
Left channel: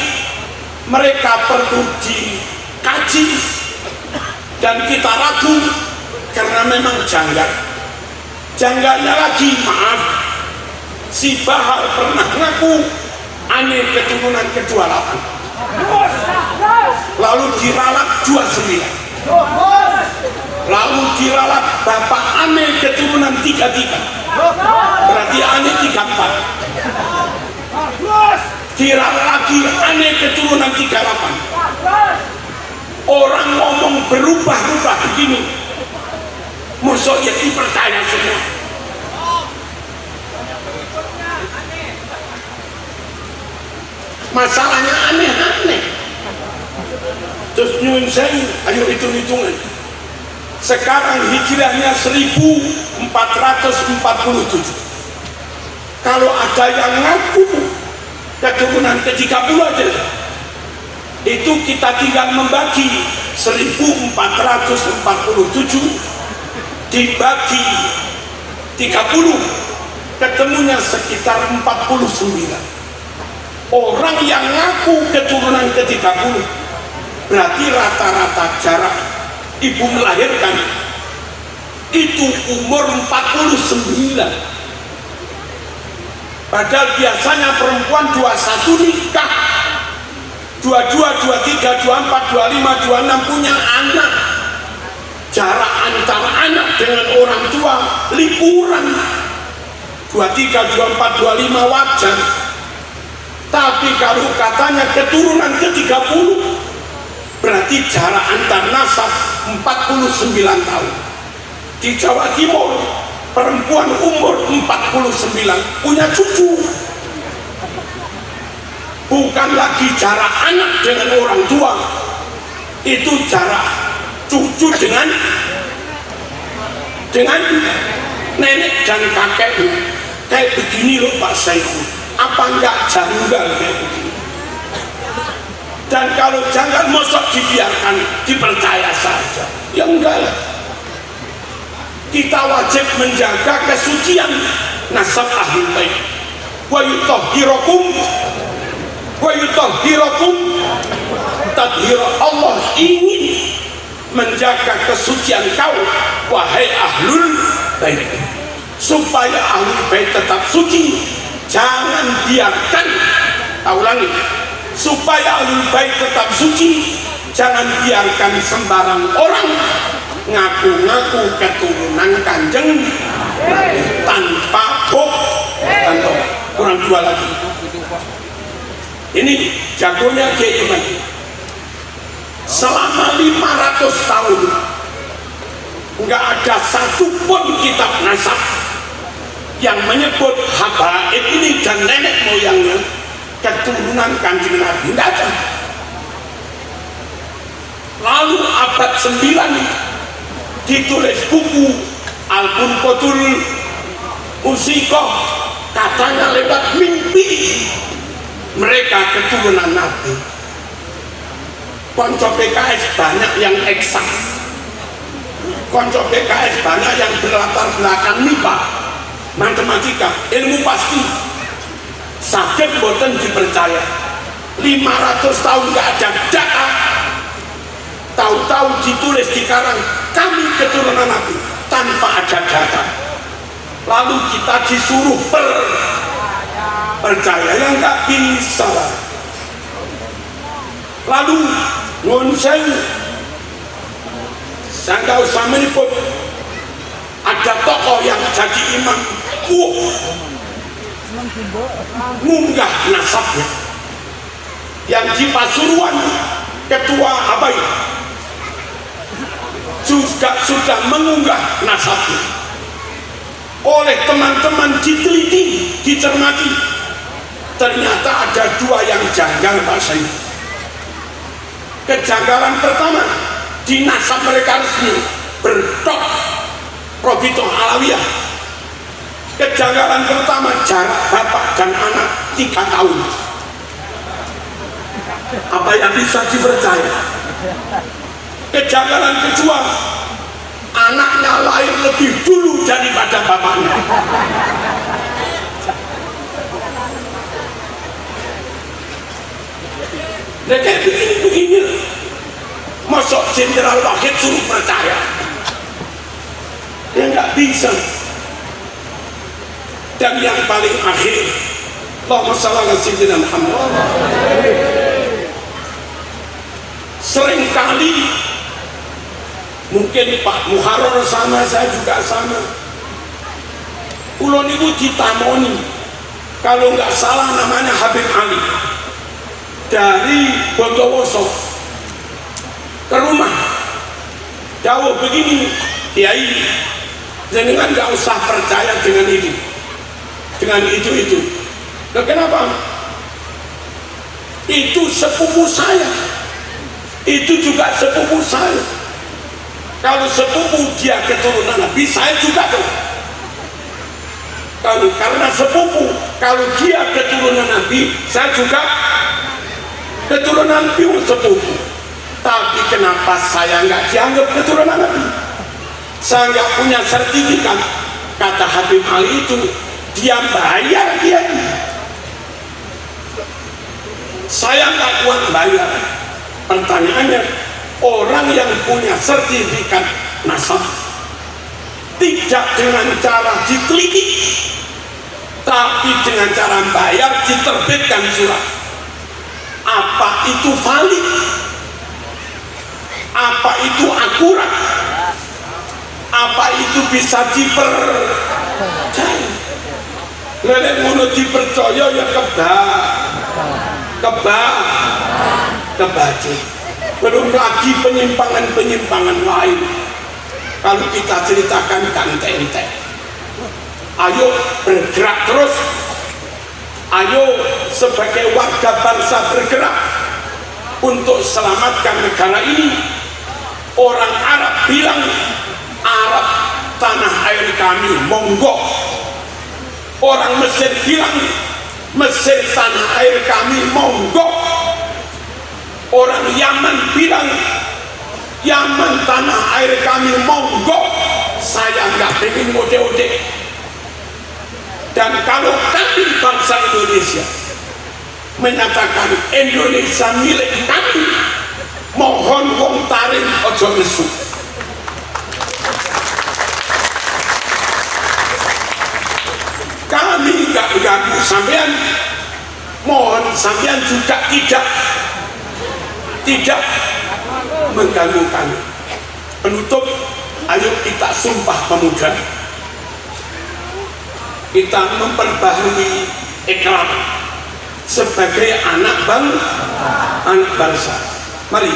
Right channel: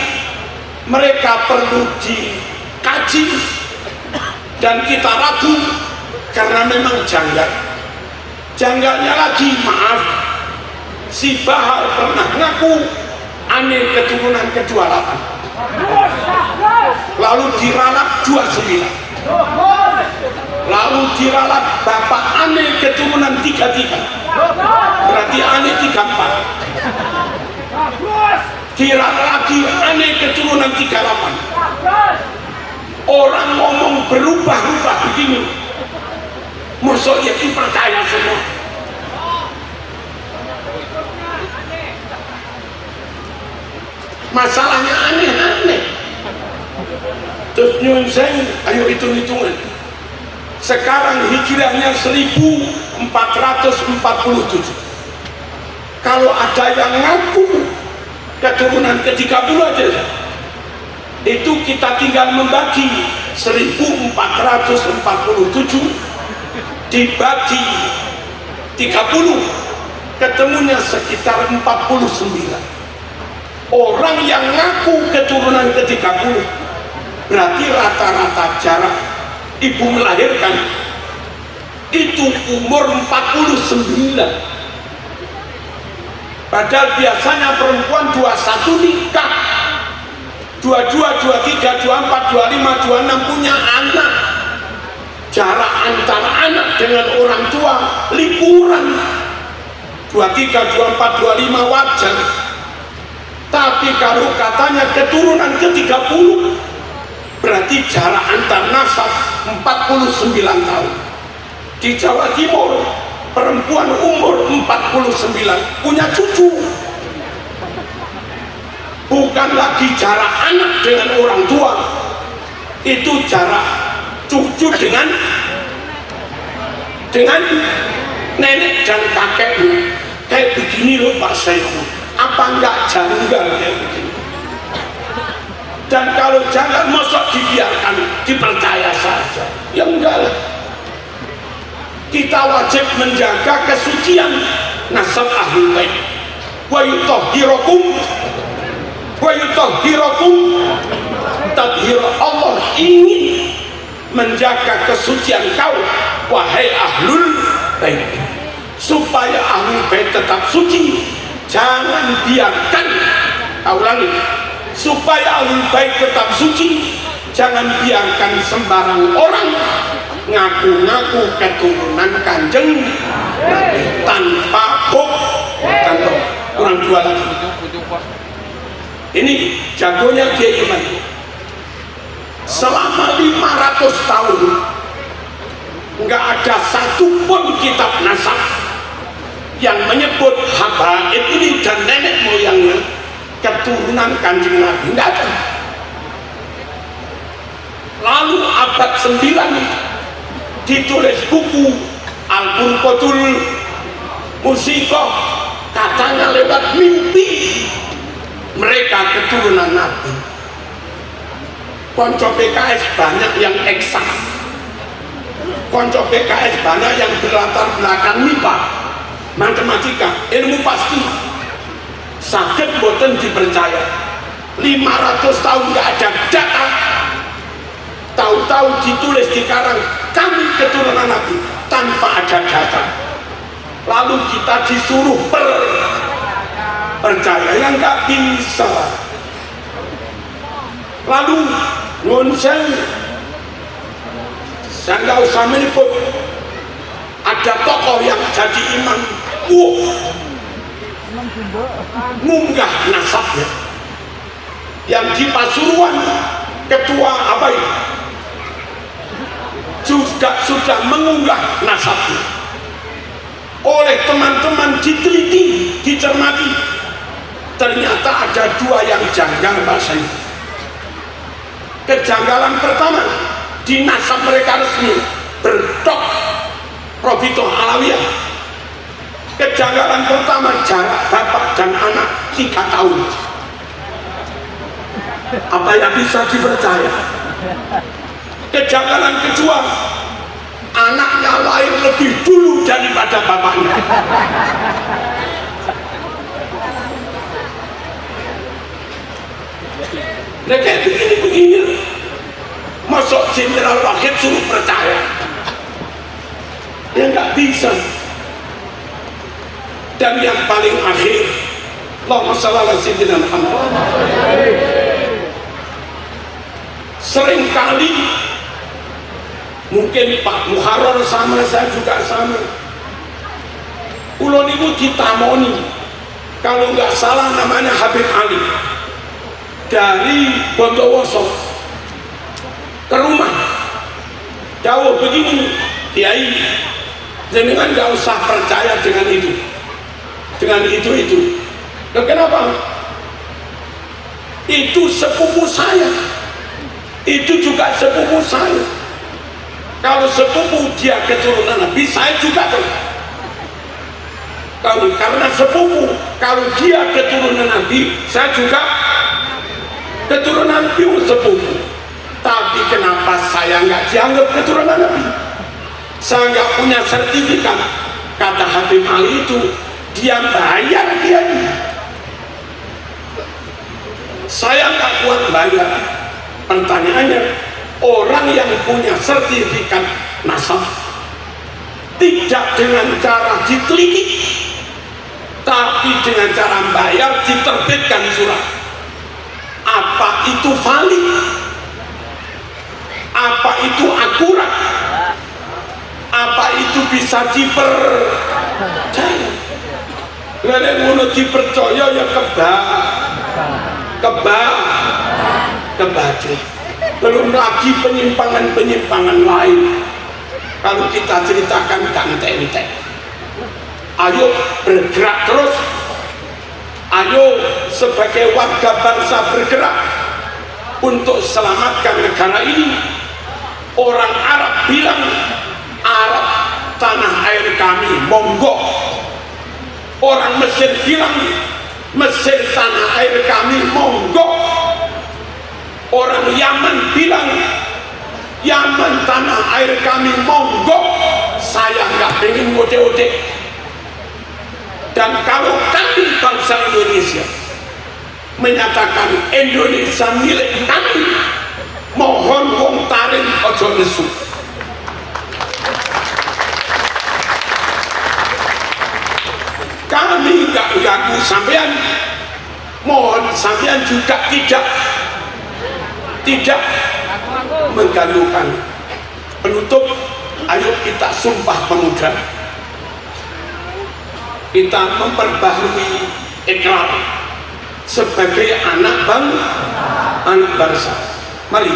mereka perlu dikaji dan kita ragu karena memang janggal. Janggalnya lagi, maaf, si Bahar pernah ngaku aneh keturunan ke-28, lalu diralat 29, lalu diralat bapak aneh keturunan 33, berarti aneh 34, diralat lagi aneh keturunan 38. Orang ngomong berubah-ubah begini, musuh itu percaya semua. Masalahnya aneh-aneh. Terus nyunseng, ayo hitung-hitungan. Sekarang hijrahnya 1447. Kalau ada yang ngaku keturunan ke-30 aja, itu kita tinggal membagi 1447 dibagi 30, ketemunya sekitar 49. Orang yang ngaku keturunan ke-30 berarti rata-rata jarak ibu melahirkan itu umur 49. Padahal biasanya perempuan 21 nikah, 22, 23, 24, 25, 26 punya anak. Jarak antara anak dengan orang tua liburan 23, 24, 25 wajar. Tapi kalau katanya keturunan ke-30 berarti jarak antar nasab 49 tahun. Di Jawa Timur perempuan umur 49 punya cucu. Bukan lagi jarak anak dengan orang tua, itu jarak cucu dengan nenek dan kakeknya. Kayak begini loh Pak Saiku, apa enggak janggal kayak begini? Dan kalau janggal mosok dibiarkan, dipercaya saja? Ya enggak lah. Kita wajib menjaga kesucian nasab ahlul bait. Wa yutahhirakum tadhir. Allah ingin menjaga kesucian kau wahai ahlul bait, supaya ahlul bait tetap suci. Jangan biarkan, ulangi, supaya ahlul bait tetap suci, jangan biarkan sembarang orang ngaku-ngaku keturunan Kanjeng tanpa bukti. Kurang dua lagi. Ini jagonya Kiai Iman. Selama 500 tahun nggak ada satupun kitab nasab yang menyebut Habaib ini dan nenek moyangnya keturunan Kanjeng Nabi. Nggak ada. Lalu abad 9 ditulis buku Al-Burqatul Musikoh, katanya lewat mimpi mereka keturunan Nabi. Konco PKS banyak yang eksak, konco PKS banyak yang berlatar belakang MIPA, matematika, ilmu pasti. Sakit boten dipercaya 500 tahun gak ada data, tahu-tahu ditulis di karang kami keturunan Nabi tanpa ada data. Lalu kita disuruh percaya, yang nggak bisa. Lalu nun saya nggak usah menyebut ada tokoh yang jadi imam, munggah nasabnya yang di Pasuruan ketua apa itu juga sudah mengunggah nasabnya. Oleh teman-teman diteliti, dicermati, ternyata ada dua yang janggal rasanya. Kejanggalan pertama, di nasab mereka resmi berdok Robito Alawiyah. Kejanggalan pertama, jarak bapak dan anak 3 tahun. Apa yang bisa dipercaya? Kejanggalan kedua, anaknya lahir lebih dulu daripada bapaknya. Mereka begini-begini, masuk Jenderal Wahid suruh percaya, ya nggak bisa. Dan yang paling akhir, Allahumma shalli ala sayyidina Muhammad, seringkali mungkin Pak Muharrar sama, saya juga sama, ulun itu ditamoni, kalau nggak salah namanya Habib Ali, dari Bondowoso ke rumah jauh begini, Kiai jangan nggak usah percaya dengan itu, dengan itu. Loh, kenapa? Itu sepupu saya, itu juga sepupu saya. Kalau sepupu dia keturunan Nabi, saya juga tuh. Kalau karena sepupu, kalau dia keturunan Nabi, saya juga keturunan Nabi, sepupu. Tapi kenapa saya nggak dianggap keturunan Nabi? Saya nggak punya sertifikat. Kata Habib Ali itu, dia bayar dia. Saya nggak kuat bayar. Pertanyaannya, orang yang punya sertifikat nasab tidak dengan cara diteliti, tapi dengan cara bayar, diterbitkan surat. Apa itu valid? Apa itu akurat? Apa itu bisa dipercaya? Lele ngono dipercaya ya kebaca. Belum lagi penyimpangan-penyimpangan lain. Kalau kita ceritakan ente. Ayo bergerak terus. Ayo sebagai warga bangsa bergerak untuk selamatkan negara ini. Orang Arab bilang, Arab tanah air kami, monggo. Orang Mesir bilang, Mesir tanah air kami, monggo. Orang Yaman bilang, Yaman tanah air kami, monggo. Saya nggak pengen ngode-ngode. Dan kalau kami bangsa Indonesia menyatakan Indonesia milik kami, mohon wong taring ojo nesu. Kami nggak ganggu sampean, mohon sampean juga tidak mengganggu kami. Penutup, ayo kita sumpah pemuda, kita memperbaharui ikrar sebagai anak bangsa. Mari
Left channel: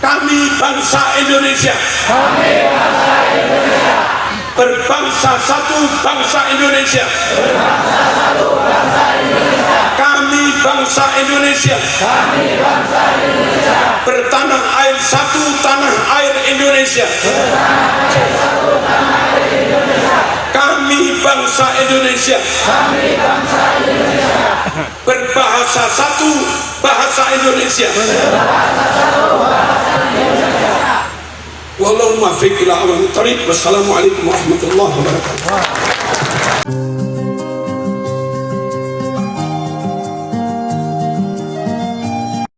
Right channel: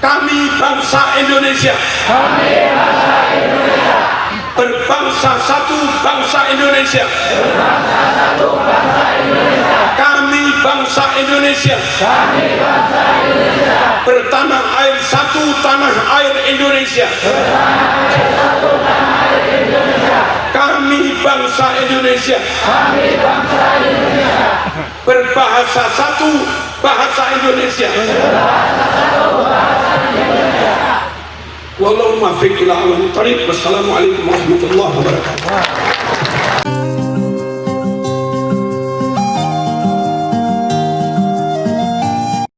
Kami bangsa Indonesia. Berbangsa satu bangsa Indonesia. Kami bangsa Indonesia. Bertanah air satu tanah air Indonesia. Kami bangsa Indonesia. Berbahasa satu bahasa Indonesia. Wallahu muwaffiq ila aqwamit thoriq. Wassalamualaikum warahmatullahi wabarakatuh.